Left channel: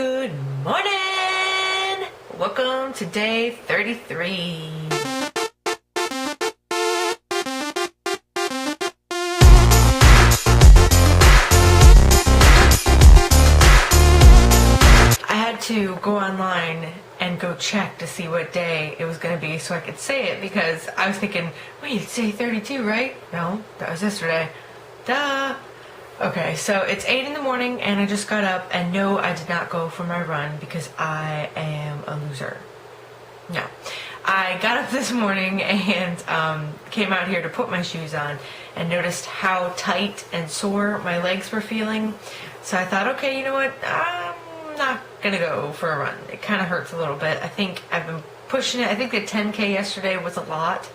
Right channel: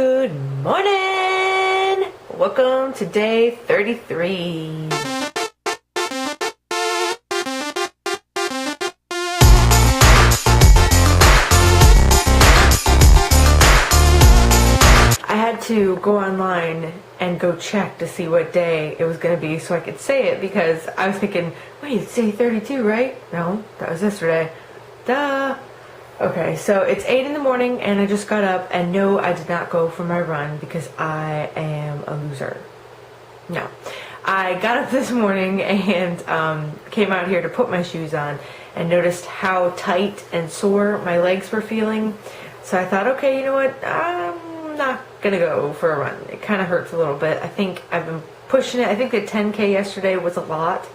Good morning! Welcome to day 33. I had to go online and go check to see what day it was going to be so I could say it, because I was thinking, wait, it's day 32, right? No, that was yesterday. Duh! Okay, so it's 8 in the morning and I just got up, and no, I did not go for my run because I am a loser. No. I got up this morning and came out here to put my shoes on and noticed how tight and sore my legs were feeling. So I thought, okay, you know what? I'm not gonna go for a run. It kind of hurts a little bit. I think I've been pushing it. I think the 10K yesterday was a lot,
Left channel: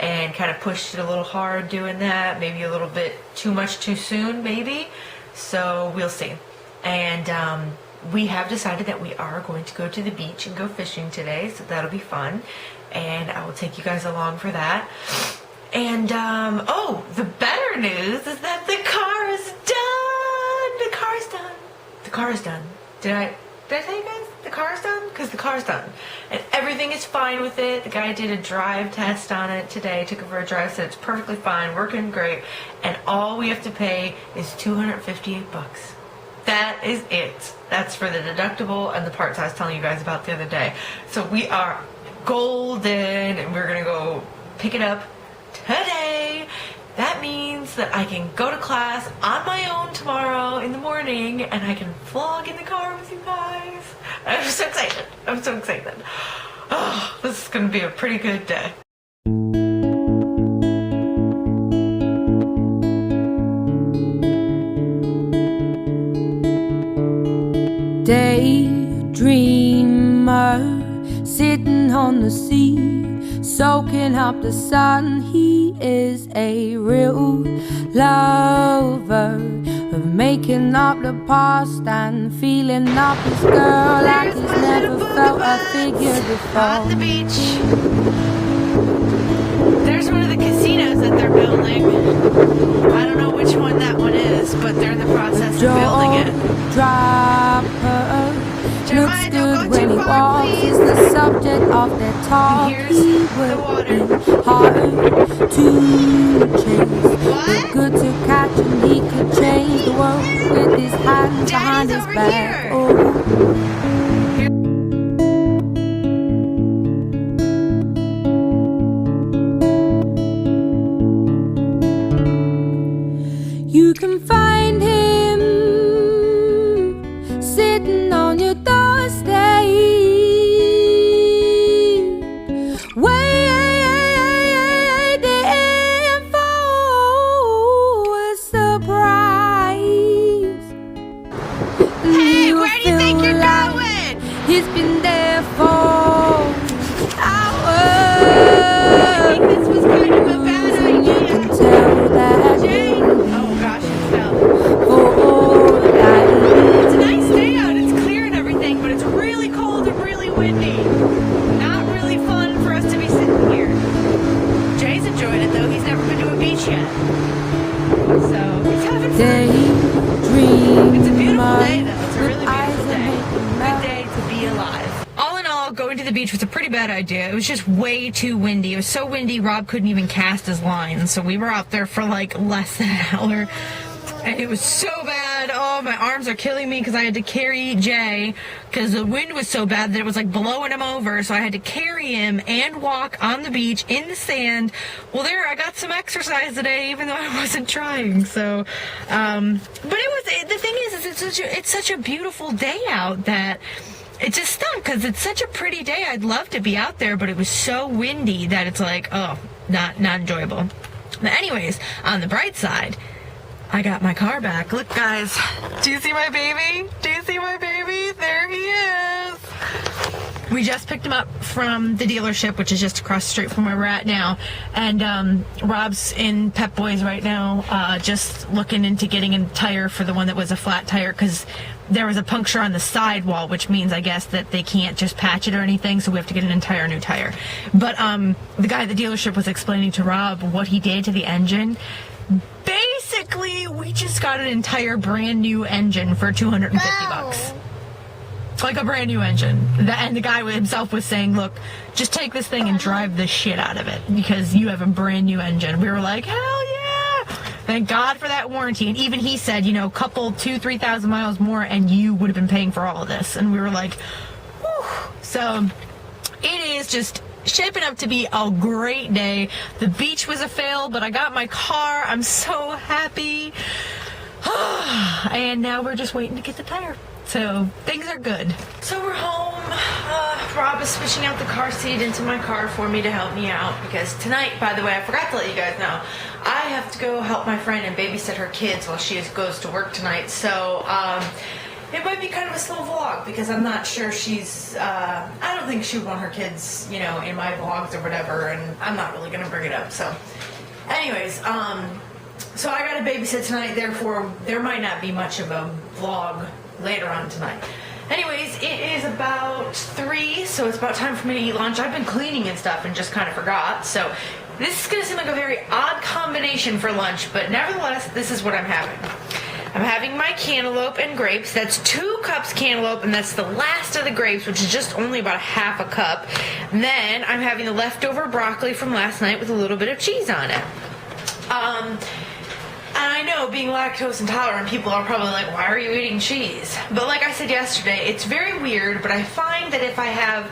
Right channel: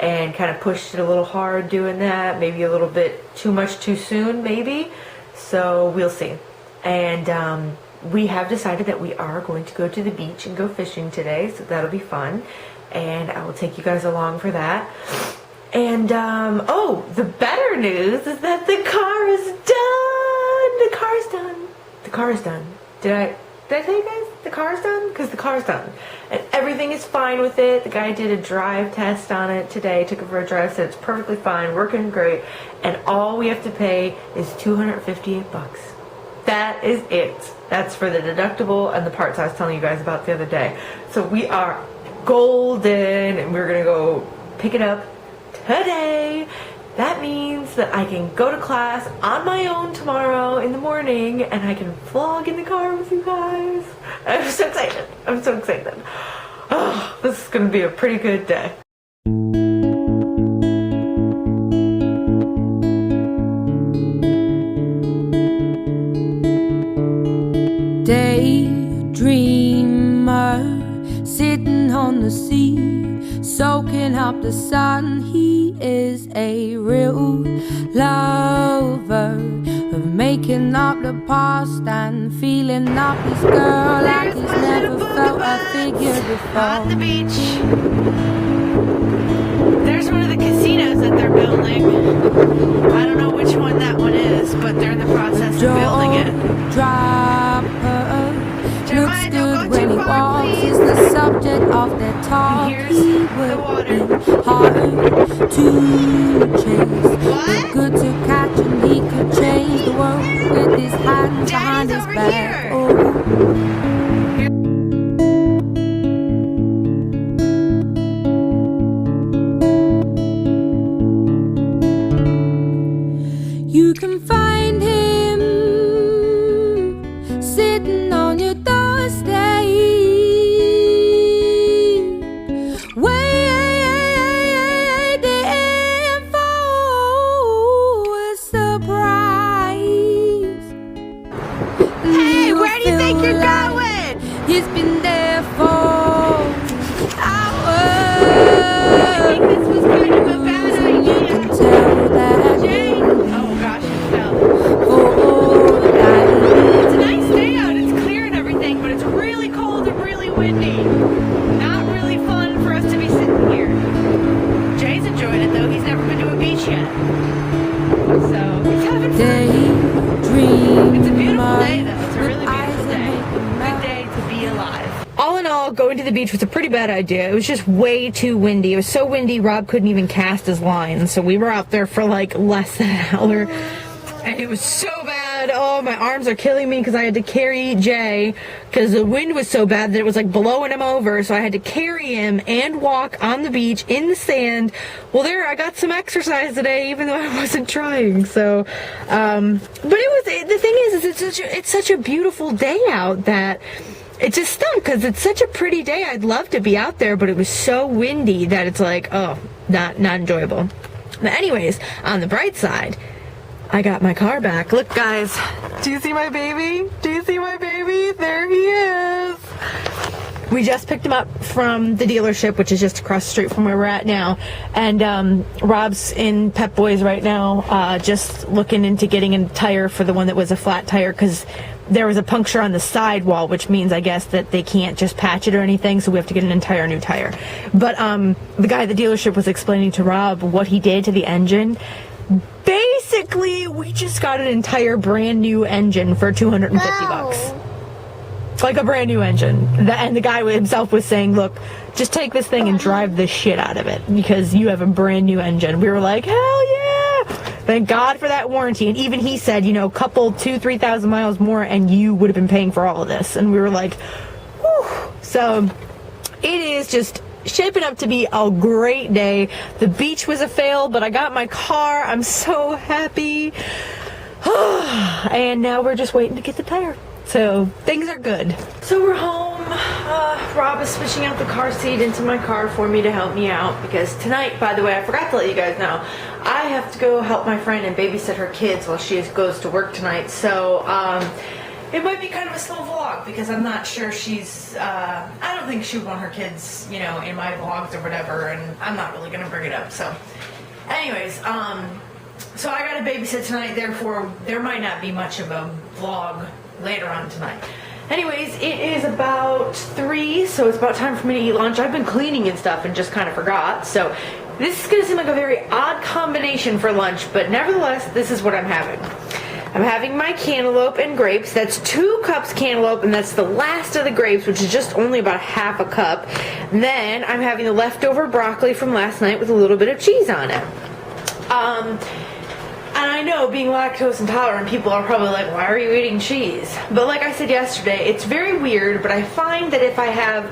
and kind of pushed it a little hard doing that, maybe a little bit too much too soon, maybe. So we'll see. And we have decided that we are going to go to the beach and go fishing today, so that'll be fun. And I will take you guys along for that. And oh, the better news is that the car is done. The car is done. The car is done. Did I tell you guys the car's done? Because the car's done. And everything is fine with it. The guy did a drive test on it today, took it for a drive, said it's perfectly fine, working great. And all we have to pay is $258. That is it. That's for the deductible and the parts I was telling you guys about the other day. So we are golden, and we're going to go pick it up today. That means that I can go to class on my own tomorrow in the morning, and I can vlog in the car with you guys. I'm so excited. I'm so excited. Oh, this is going to be a pretty good day. Daydreamer, sitting on the sea, soaking up the sun. He is a real lover of making up the past and feeling up his girl like he's never felt a figure before. On the beach. There's one of the casinos that they're building. I don't know which one that one is, but they're in the process of building it. Dropper looks Jeremiah, good don't go when too he far, walks. please. He's the subject of their talk. Here's He the would water. be hard to chase, but good to catch, and he could change the world with his hands behind Daddy's his over back. here. Oh. You can find him sitting on your doorstep, waiting for a surprise. Hey, where do you think you're going? He's been there for hours. I think this was kind of a bad You idea. can tell that Jay? Oh gosh, it fell. for all that It's a nice day out. It's clear and everything, but it's really cold and really windy. Not really fun for us to be sitting here. Jay's enjoying it though. He's never been to a beach yet. So he's having fun. daydream. It's a beautiful day though. It's a really beautiful day. Good day to be alive. All in all, going to the beach was a pretty bad idea. It was just way too windy. It was so windy, Rob couldn't even cast his line. So we were out there for like less than an hour. And it was so bad. Oh, my arms are killing me because I had to carry Jay because the wind was so bad that it was like blowing him over. So I had to carry him and walk on the beach in the sand. Well, there, I got some exercise today, even though I wasn't trying. So, but the thing is it's such a beautiful day out that it just stunk because it's such a pretty day. I'd love to be out there, but it was so windy that it's like, oh, not enjoyable. But anyways, on the bright side, I got my car back. Look, guys. Do you see my baby? Do you see my baby? There he is. We just picked him up from the dealership, which is just across the street from where we're at now. And Rob's in Pep Boys right now, just looking into getting a tire for the one that was a flat tire, because there was a puncture on the sidewall, which means, I guess, that they can't just patch it or anything, so we have to get an entire new tire. But the guy at the dealership was explaining to Rob what he did to the engine. Basically, we just got an entire brand new engine for $250. Like a brand new engine. And the guy himself was saying, look, just take this thing and drive the shit out of it because you have a brand new engine. We were like, hell yeah! Thank God for that warranty. And even he said, you know, couple 2,000-3,000 miles more and you would have been paying for all of this. And we were like, whew. So it is just shaping up to be a great day. The beach was a fail, but I got my car. I'm so happy. And now we're just waiting to get the tire. So things are good. So we're home. Rob is switching out the car seat into my car for me to help me out because tonight, by the way, I forgot to let you guys know, I have to go help my friend and babysit her kids while she goes to work tonight. So it might be kind of a slow vlog because I'm not sure she's, I don't think she would want her kids, you know, in my vlogs or whatever, and I'm not really going to bring it up. So anyways, so I got to babysit tonight, therefore there might not be much of a vlog later on tonight. Anyways, it is about 3, so it's about time for me to eat lunch. I've been cleaning and stuff and just kind of forgot. So this is going to seem like a very odd combination for lunch, but nevertheless, this is what I'm having. I'm having my cantaloupe and grapes. That's 2 cups cantaloupe, and that's the last of the grapes, which is just only about half a cup. Then I'm having the leftover broccoli from last night with a little bit of cheese on it. And I know, being lactose intolerant, people are probably like, why are you eating cheese? But like I said yesterday, it's very weird, but I find that if I have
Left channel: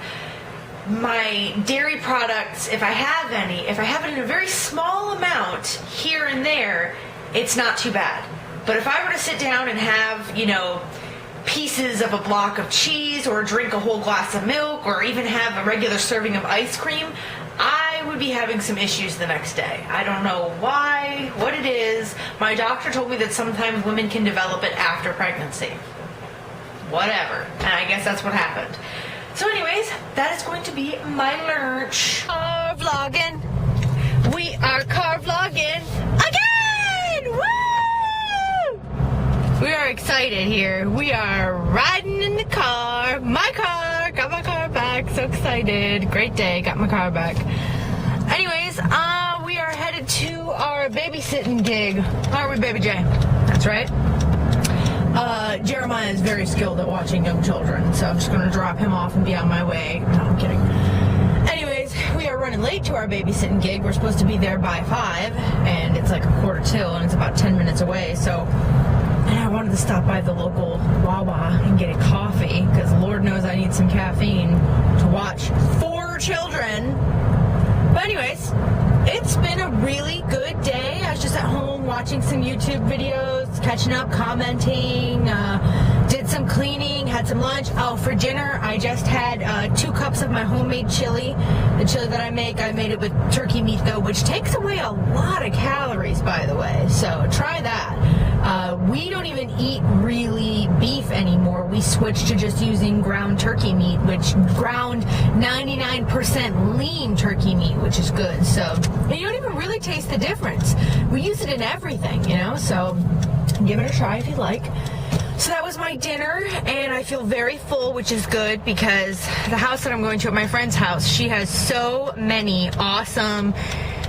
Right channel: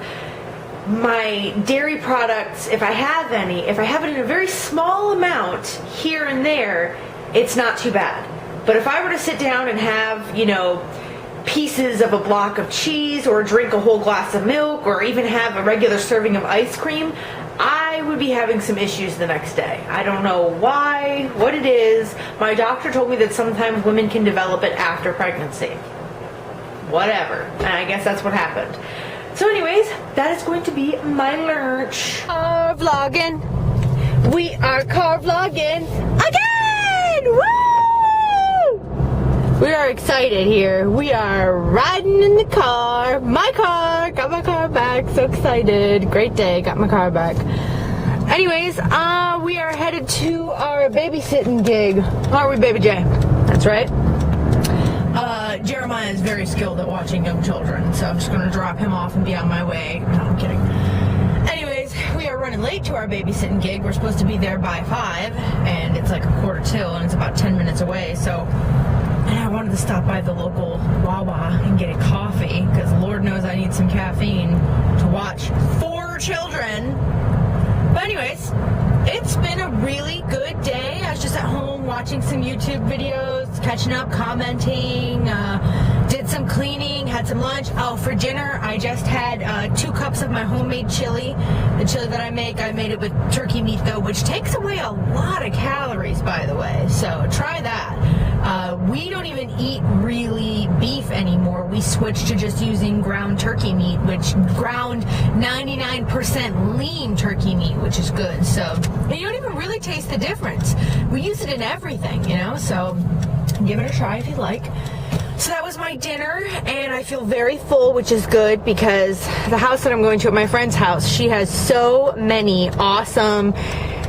my dairy products, if I have any, if I have it in a very small amount here and there, it's not too bad. But if I were to sit down and have, you know, pieces of a block of cheese or drink a whole glass of milk or even have a regular serving of ice cream, I would be having some issues the next day. I don't know why, what it is. My doctor told me that sometimes women can develop it after pregnancy. Whatever. And I guess that's what happened. So anyways, that is going to be my lunch. Car vlogging. We are car vlogging again! Woo! We are excited here. We are riding in the car. My car. Got my car back. So excited. Great day. Got my car back. Anyways, we are headed to our babysitting gig. Aren't we, Baby J? That's right. Jeremiah is very skilled at watching young children, so I'm just going to drop him off and be on my way. No, I'm kidding. Anyways, we are running late to our babysitting gig. We're supposed to be there by 5, and it's like 1:45, and it's about 10 minutes away, so... And I wanted to stop by the local Wawa and get a coffee, because Lord knows I need some caffeine to watch 4 children. But anyways, it's been a really good day. I was just at home watching some YouTube videos, catching up, commenting, did some cleaning, had some lunch. Oh, for dinner, I just had 2 cups of my homemade chili. The chili that I made it with turkey meat, though, which takes away a lot of calories, by the way. So try that. We don't even eat really beef anymore. We switched to just using ground turkey meat, which ground 99% lean turkey meat, which is good. So you don't even really taste the difference. We use it in everything, you know, so give it a try if you like. So that was my dinner, and I feel very full, which is good because the house that I'm going to at my friend's house, she has so many awesome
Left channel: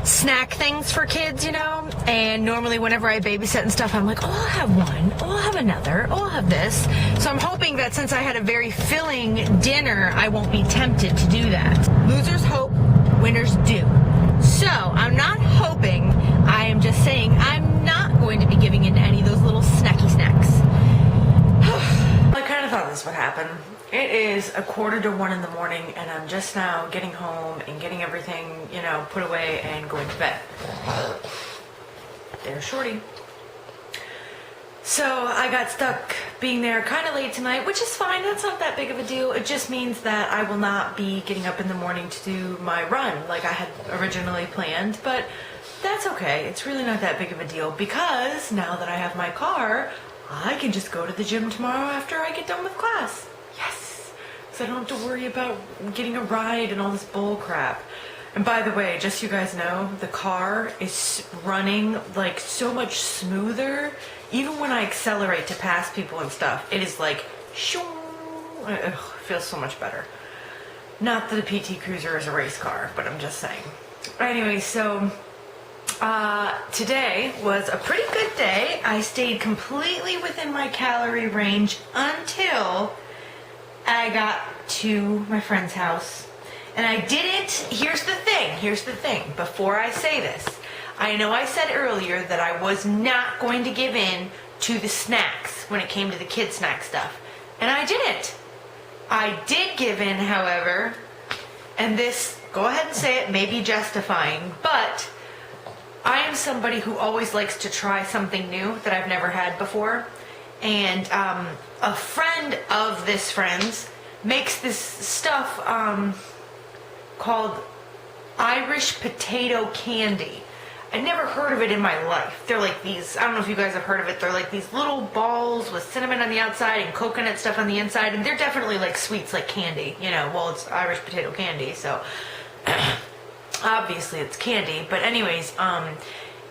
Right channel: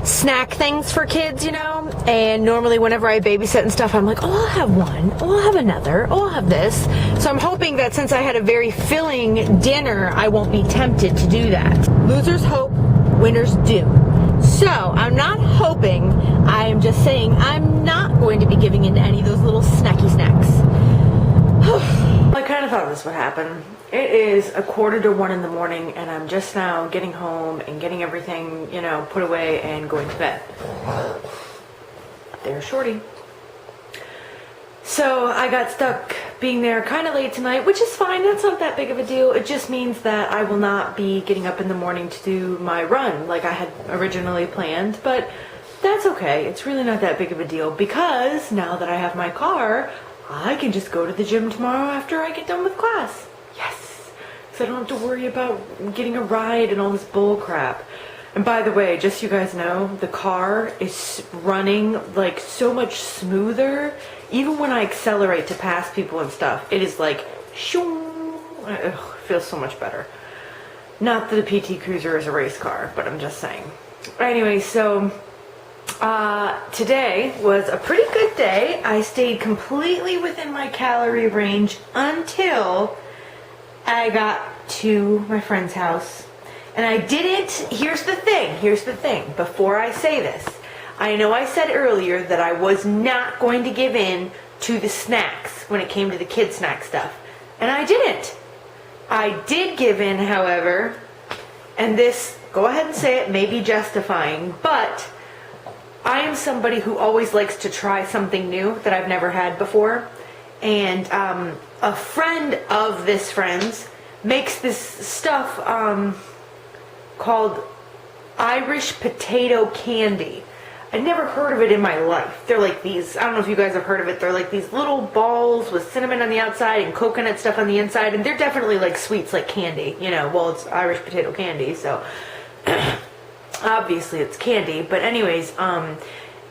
snack things for kids, you know, and normally whenever I babysit and stuff, I'm like, oh, I'll have one, oh, I'll have another, oh, I'll have this. So I'm hoping that since I had a very filling dinner, I won't be tempted to do that. Losers hope, winners do. So I'm not hoping, I am just saying I'm not going to be giving in to any of those little snacky snacks. I kind of thought this would happen. It is 1:45 in the morning, and I'm just now getting home and getting everything, you know, put away and going to bed. There's Shorty. So I got stuck being there kind of late tonight, which is fine. That's not that big of a deal. It just means that I will not be getting up in the morning to do my run like I had originally planned, but that's okay. It's really not that big of a deal because now that I have my car, I can just go to the gym tomorrow after I get done with class. Yes, because I don't have to worry about getting a ride and all this bull crap. And by the way, just so you guys know, the car is running like so much smoother. Even when I accelerate to pass people and stuff, it is like, shoo, it feels so much better. Not that a PT Cruiser is a race car, but I'm just saying. Anyway, so today was a pretty good day. I stayed completely within my calorie range until I got to my friend's house, and I didn't, here's the thing, before I say this, I know I said earlier that I was not going to give in to the snacks when it came to the kid snack stuff, and I didn't. I did give in, however, and this, go ahead and say it, may be justifying, but I am somebody who always likes to try something new that I've never had before. And a friend of this friend's makes this stuff called Irish potato candy. I'd never heard of it in my life. They're like these, I don't know if you guys have heard of it, they're like these little balls with cinnamon on the outside and coconut stuff on the inside, and they're definitely like sweets, like candy, you know, well, it's Irish potato candy, so obviously it's candy. But anyways,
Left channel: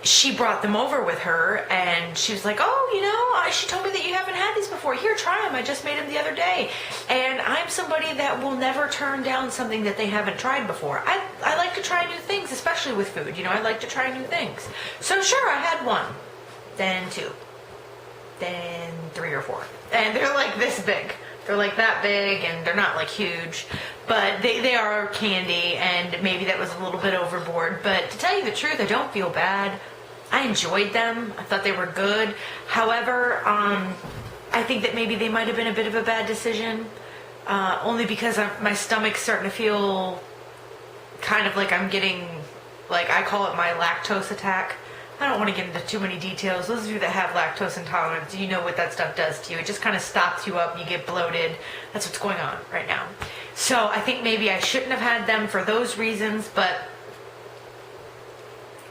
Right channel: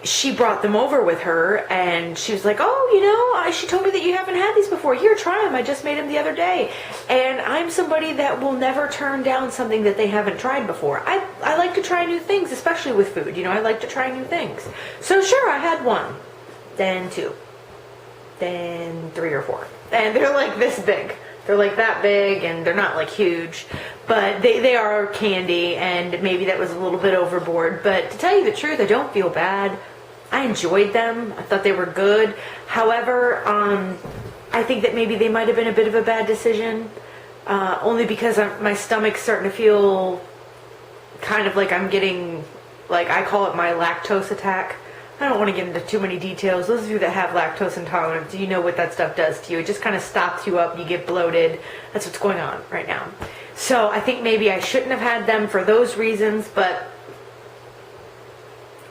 she brought them over with her, and she was like, oh, you know, she told me that you haven't had these before. Here, try them. I just made them the other day. And I'm somebody that will never turn down something that they haven't tried before. I like to try new things, especially with food. You know, I like to try new things. So sure, I had one, then two, then 3 or 4. And they're like this big. They're like that big, and they're not like huge, but they are candy, and maybe that was a little bit overboard. But to tell you the truth, I don't feel bad. I enjoyed them. I thought they were good. However, I think that maybe they might have been a bit of a bad decision, only because my stomach's starting to feel kind of like I'm getting, like, I call it my lactose attack. I don't want to get into too many details. Those of you that have lactose intolerance, you know what that stuff does to you. It just kind of stops you up. You get bloated. That's what's going on right now. So I think maybe I shouldn't have had them for those reasons, but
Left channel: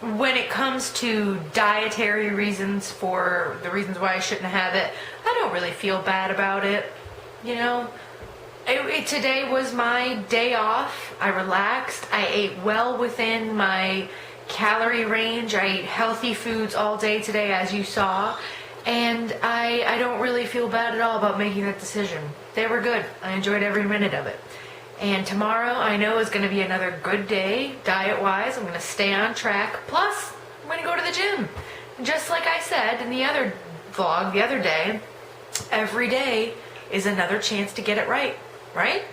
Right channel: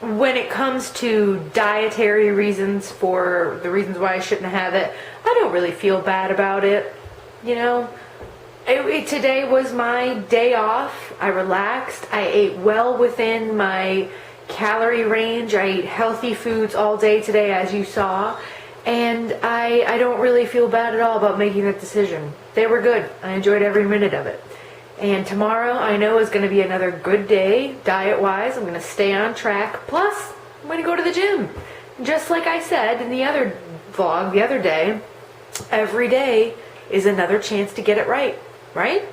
when it comes to dietary reasons for the reasons why I shouldn't have it, I don't really feel bad about it. You know, today was my day off. I relaxed. I ate well within my calorie range. I ate healthy foods all day today, as you saw, and I don't really feel bad at all about making that decision. They were good. I enjoyed every minute of it. And tomorrow I know is going to be another good day diet-wise. I'm going to stay on track. Plus, I'm going to go to the gym. And just like I said in the other vlog the other day, every day is another chance to get it right, right?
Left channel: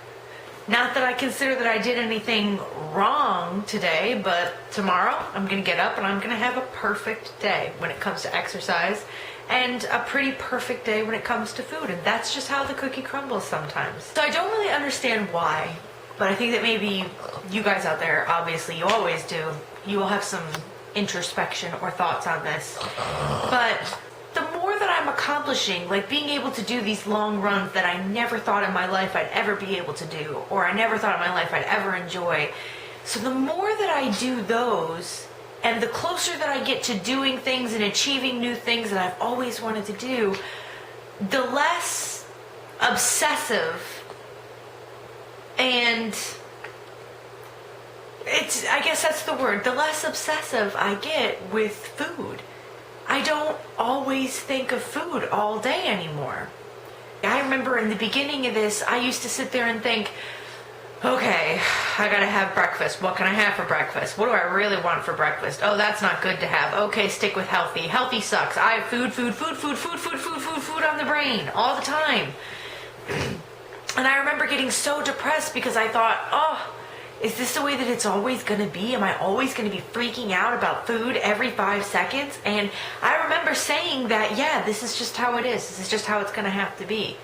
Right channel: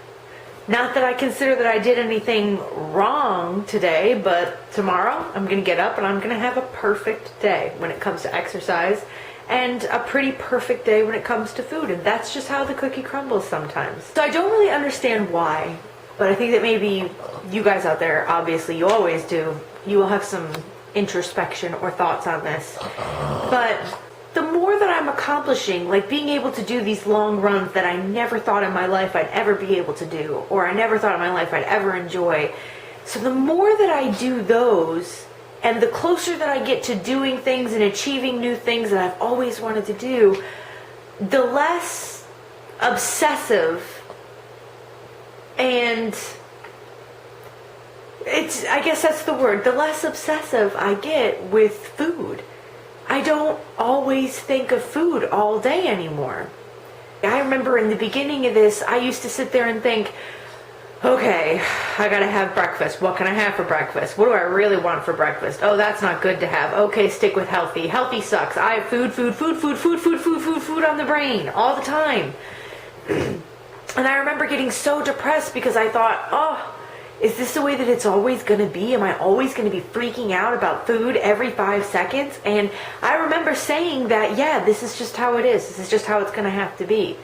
Not that I consider that I did anything wrong today, but tomorrow I'm going to get up and I'm going to have a perfect day when it comes to exercise, and a pretty perfect day when it comes to food. And that's just how the cookie crumbles sometimes. So I don't really understand why, but I think that maybe you guys out there, obviously you always do, you will have some introspection or thoughts on this. But the more that I'm accomplishing, like being able to do these long runs that I never thought in my life I'd ever be able to do, or I never thought in my life I'd ever enjoy. So the more that I do those, and the closer that I get to doing things and achieving new things that I've always wanted to do, the less obsessive and I guess that's the word, the less obsessive I get with food. I don't always think of food all day anymore. I remember in the beginning of this, I used to sit there and think, okay, I gotta have breakfast. What can I have for breakfast? What do I really want for breakfast? Oh, that's not good to have. Okay, stick with healthy. Healthy sucks. I have food on the brain all the time. And I remember getting so depressed because I thought, oh, is this the way that it's always going to be? Am I always going to be freaking out about food every 5 seconds? And I remember saying that, yeah, this is just how it is. This is just how it's going to have to be.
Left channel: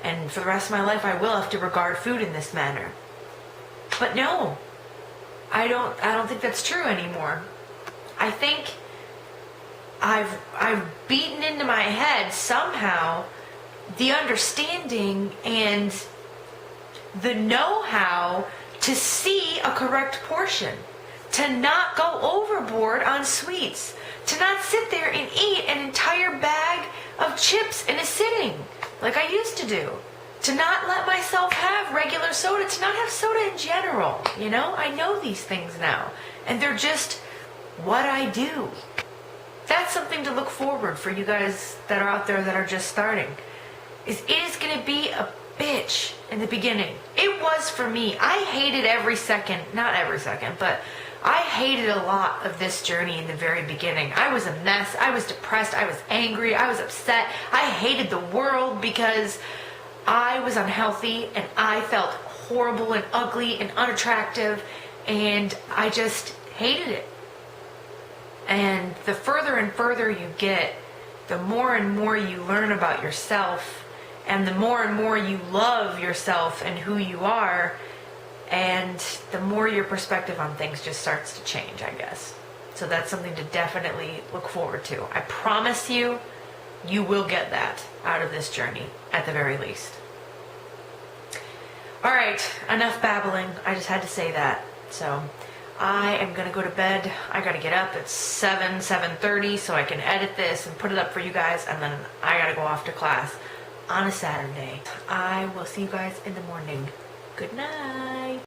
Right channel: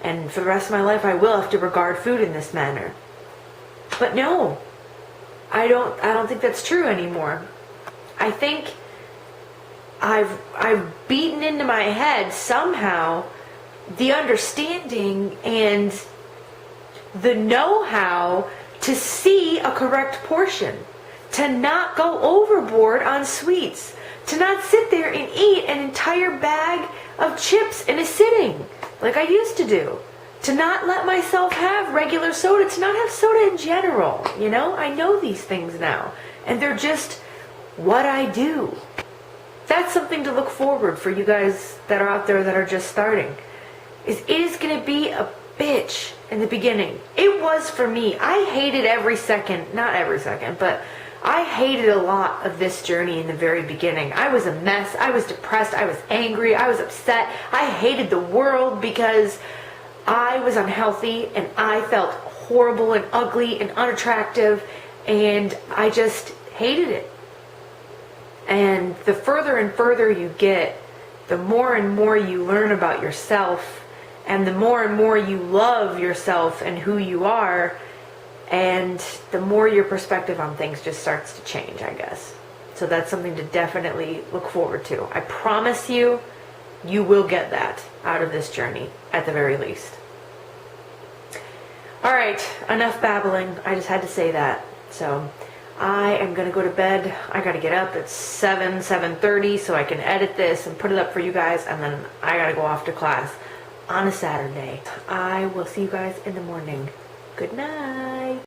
And for the rest of my life, I will have to regard food in this manner. But no, I don't think that's true anymore. I think I've beaten into my head somehow the understanding and the know-how to see a correct portion, to not go overboard on sweets, to not sit there and eat an entire bag of chips in a sitting like I used to do, to not let myself have regular soda, to not have soda in general. You know, I know these things now, and they're just what I do. That's something to look forward for you guys that are out there that are just starting. It is going to be a bitch in the beginning. It was for me. I hated every second, not every second, but I hated a lot of this journey in the very beginning. I was a mess. I was depressed. I was angry. I was upset. I hated the world because I was unhealthy and I felt horrible and ugly and unattractive, and I just hated it. And the further and further you get, the more and more you learn about yourself, and the more and more you love yourself and who you are, and the more your perspective on things just starts to change, I guess. So that's something to definitely look forward to. I promise you, you will get that out of this journey, at the very least. All right, enough babbling. I just had to say that. So I am going to go to bed. I got to get up at 7:30 so I can edit this and put it up for you guys, and then I got to go off to class on a Saturday. I will see you guys in the morning. Good night.